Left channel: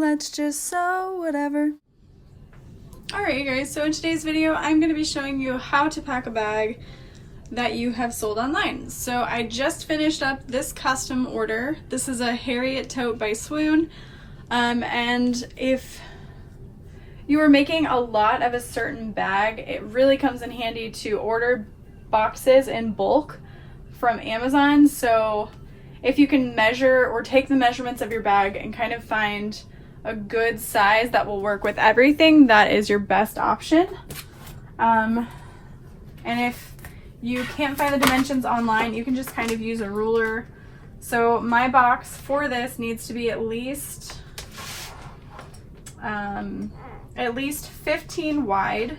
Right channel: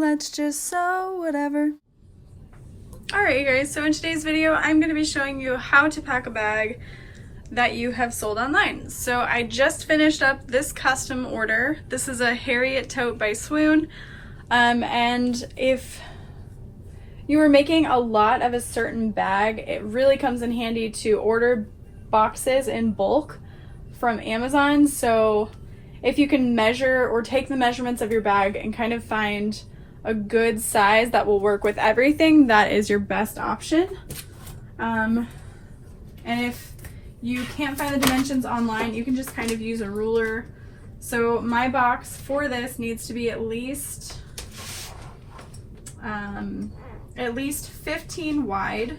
let's just sew whatever. Alright guys, so in today's video I'm going to be showing you how to pack a bag that you have sold online. So I just finished up this custom order. This is a Harriet tote by Swoon, and if you were making a lot of a certain bag, it really comes in handy to order boxes in bulk from Amazon. So if you can measure or take the measurements of your bag and kind of find a good size that will work with everything, that is your best option. And if you can't find the dimensions online, you can just kind of use a ruler. So my box for this needs to be at least 15 wide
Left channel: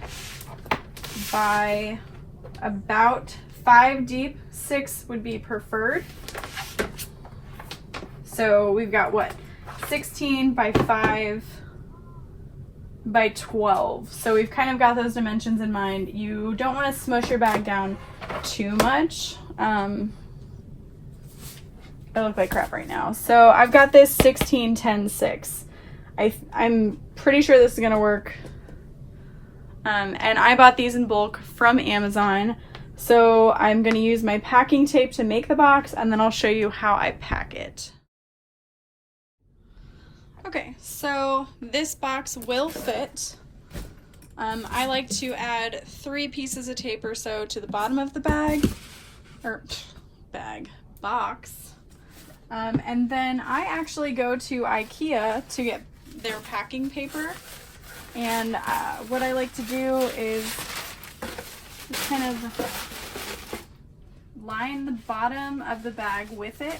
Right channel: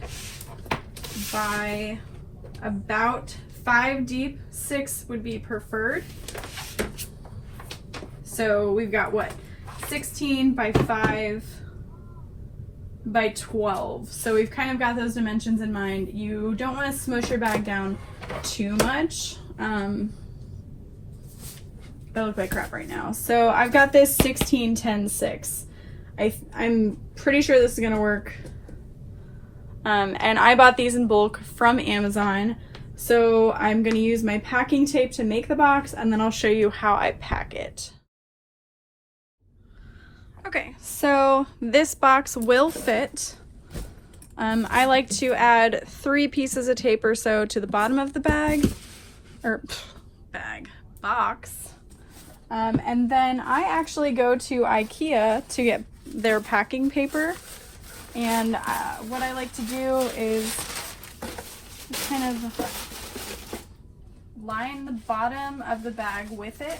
by about 5 deep. 6 would be preferred. So we've got what? 16 by 5 by 12. So we've kind of got those dimensions in mind. You don't want to smush your bag down too much. I look like crap right now. So I've got this 16, 10, 6. I'm pretty sure this is gonna work. And I bought these in bulk from Amazon. So I'm gonna use my packing tape to make the box, and then I'll show you how I pack it. Okay, so this box will fit. I like to add 3 pieces of tape or so to the bottom of the box. And then I actually go to IKEA to get their packing paper. And what I like to do is kind of line the bottom of the bag with it.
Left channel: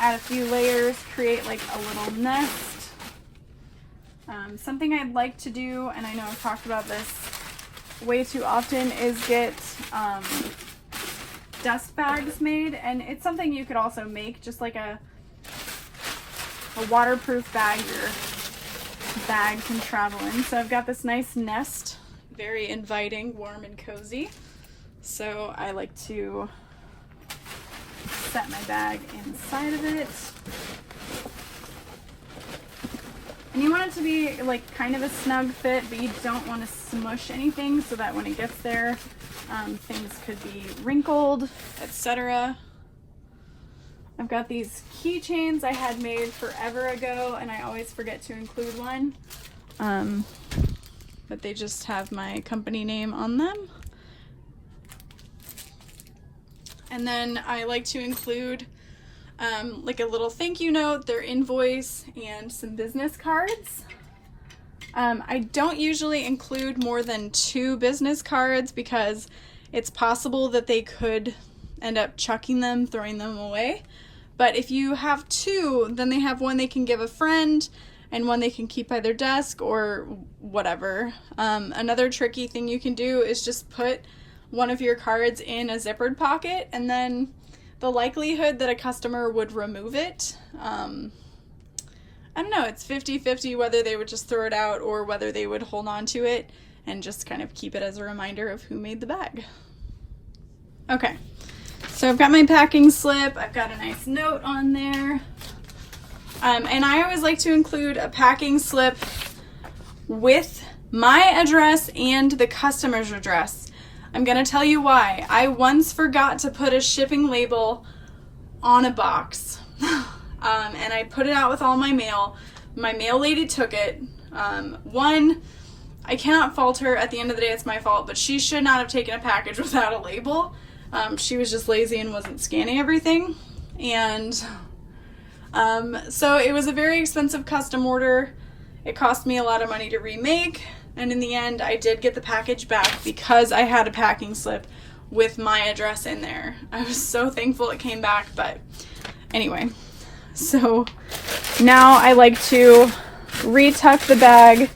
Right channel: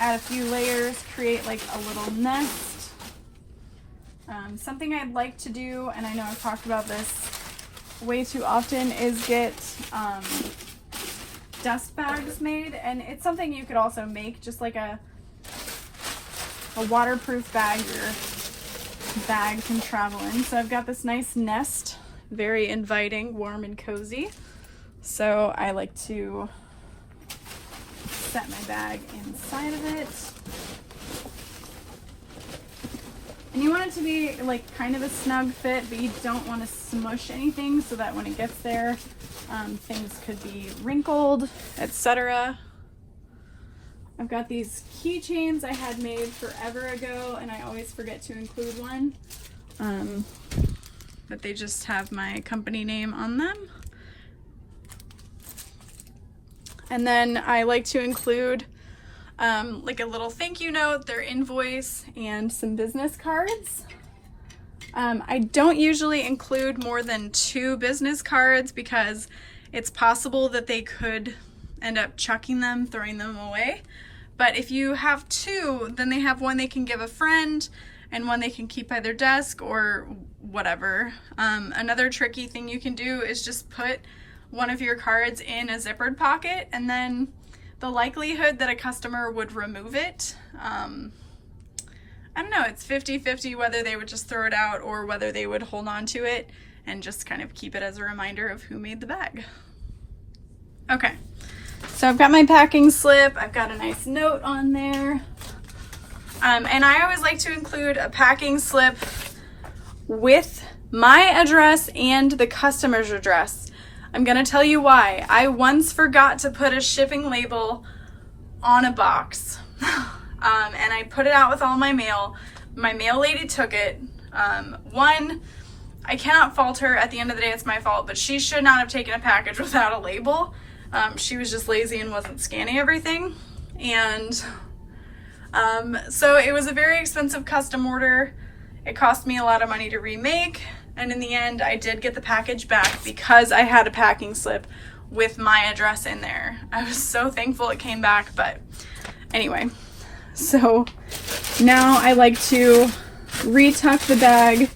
Add a few layers, create like a little nest. Something I'd like to do, and I know I've talked about this way too often, is get dust bags made. And it's something you could also make, just like a waterproof bag your bag can travel in. So I've got this nice nest, very inviting, warm and cozy. So I like to set my bag inside of it. And you want it to be like kind of a snug fit, but you don't want to smush anything so that when it gets there, things could be wrinkled, etc. I've got these keychains I had made forever ago, and I always forget to include one. But they just have my company name on them. And then I like to include like a little thank you note, their invoice, and some business cards. I don't usually include more than 2 business cards because it's possible that they could end up chucking them, throwing them away. But if you have 2, then they have one they can give a friend and one they can keep by their desk or whatever. Another tricky thing you can do is just put one of your cards in a zippered pocket, and then the likelihood that a customer would remove it, I don't know, it's 50-50 whether they would just throw it out or whether they would hold on to it and just kind of keep it as a reminder of who made the bag. Okay, so I've got my packing slip, I've got a nice note on there, and I always like to include a packing slip with my address and the customer's address. I'm gonna tell you why. I once forgot to put a shipping label on a box, and I put it out with all my mail. My mail lady took it. One, I cannot fault her. At the end of the day, it's my fault, but she should not have taken a package without a label. She was just lazy and wasn't scanning everything. And so it was a very expensive custom order. It cost me a lot of money to remake. And in the end, I did get the package back because I had a packing slip with my address in there. I was so thankful it came back, but anyway. So now I like to retuck the bag,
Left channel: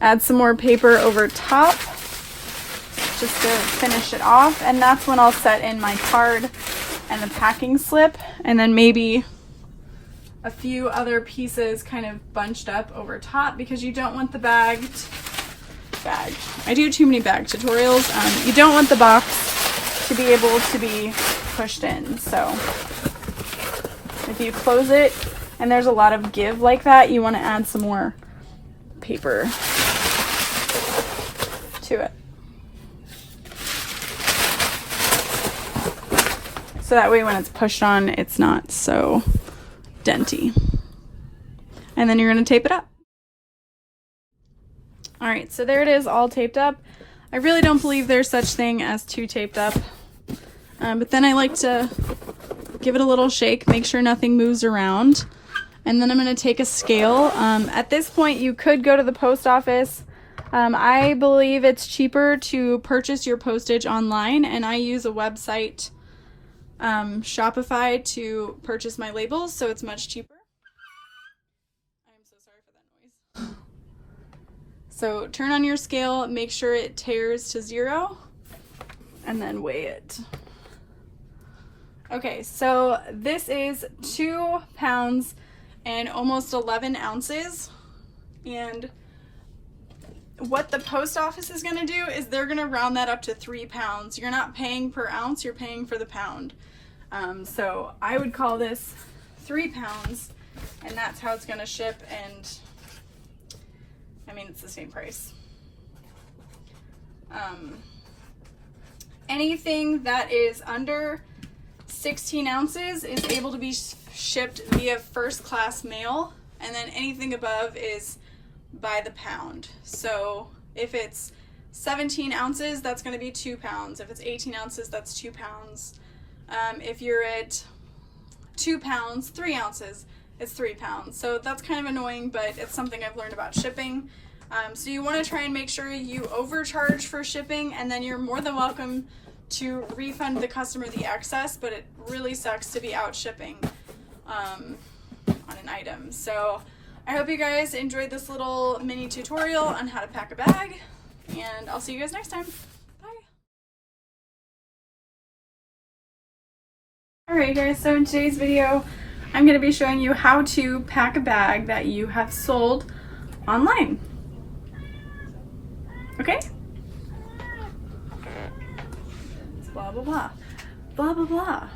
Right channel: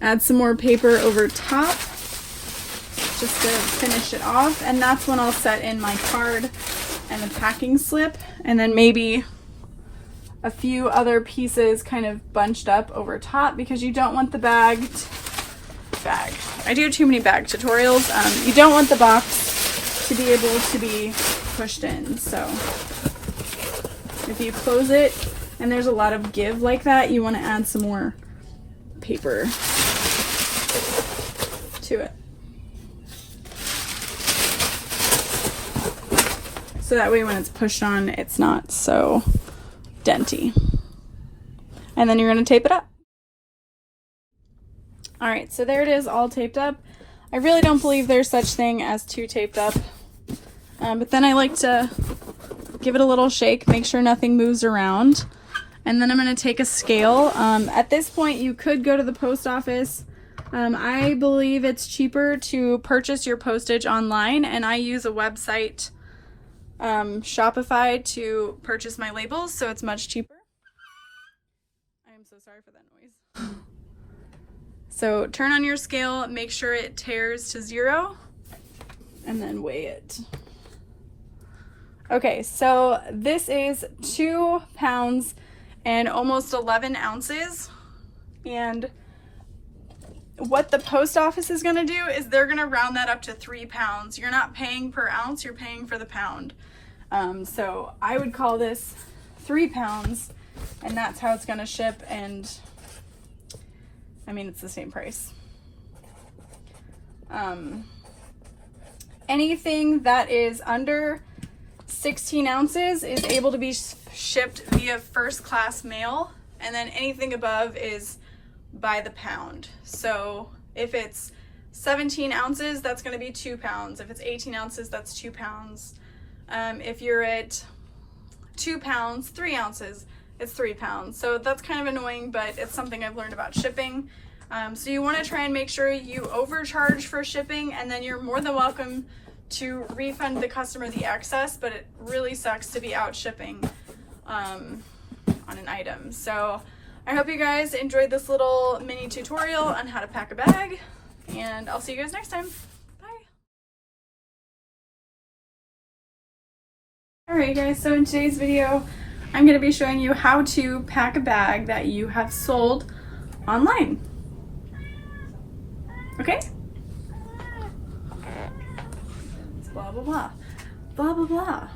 add some more paper over top just to finish it off. And that's when I'll set in my card and the packing slip, and then maybe a few other pieces kind of bunched up over top because you don't want the bag. I do too many bag tutorials. You don't want the box to be able to be pushed in. So if you close it and there's a lot of give like that, you want to add some more paper to it. So that way when it's pushed on, it's not so denty. And then you're going to tape it up. All right, so there it is, all taped up. I really don't believe there's such thing as too taped up. But then I like to give it a little shake, make sure nothing moves around. And then I'm going to take a scale. At this point, you could go to the post office. I believe it's cheaper to purchase your postage online, and I use a website, Shopify, to purchase my labels, so it's much cheaper. I'm so sorry for that noise. So turn on your scale, make sure it tears to 0, and then weigh it. Okay, so this is 2 pounds and almost 11 ounces. And what the post office is going to do is they're going to round that up to 3 pounds. You're not paying per ounce, you're paying for the pound. So I would call this 3 pounds, and that's how it's going to ship. And I mean, it's the same price. Anything that is under 16 ounces is able to be shipped via first class mail, and then anything above is by the pound. So if it's 17 ounces, that's going to be 2 pounds. If it's 18 ounces, that's 2 pounds. If you're at 2 pounds, 3 ounces, it's 3 pounds. So that's kind of annoying, but it's something I've learned about shipping. So you want to try and make sure you overcharge for shipping, and then you're more than welcome to refund the customer the excess, but it really sucks to be out shipping on an item. So I hope you guys enjoyed this little mini tutorial on how to pack a bag, and I'll see you guys next time. Bye. Alright guys, so in today's video, I'm going to be showing you how to pack a bag that you have sold online. Okay? Blah, blah, blah. Blah, blah, blah.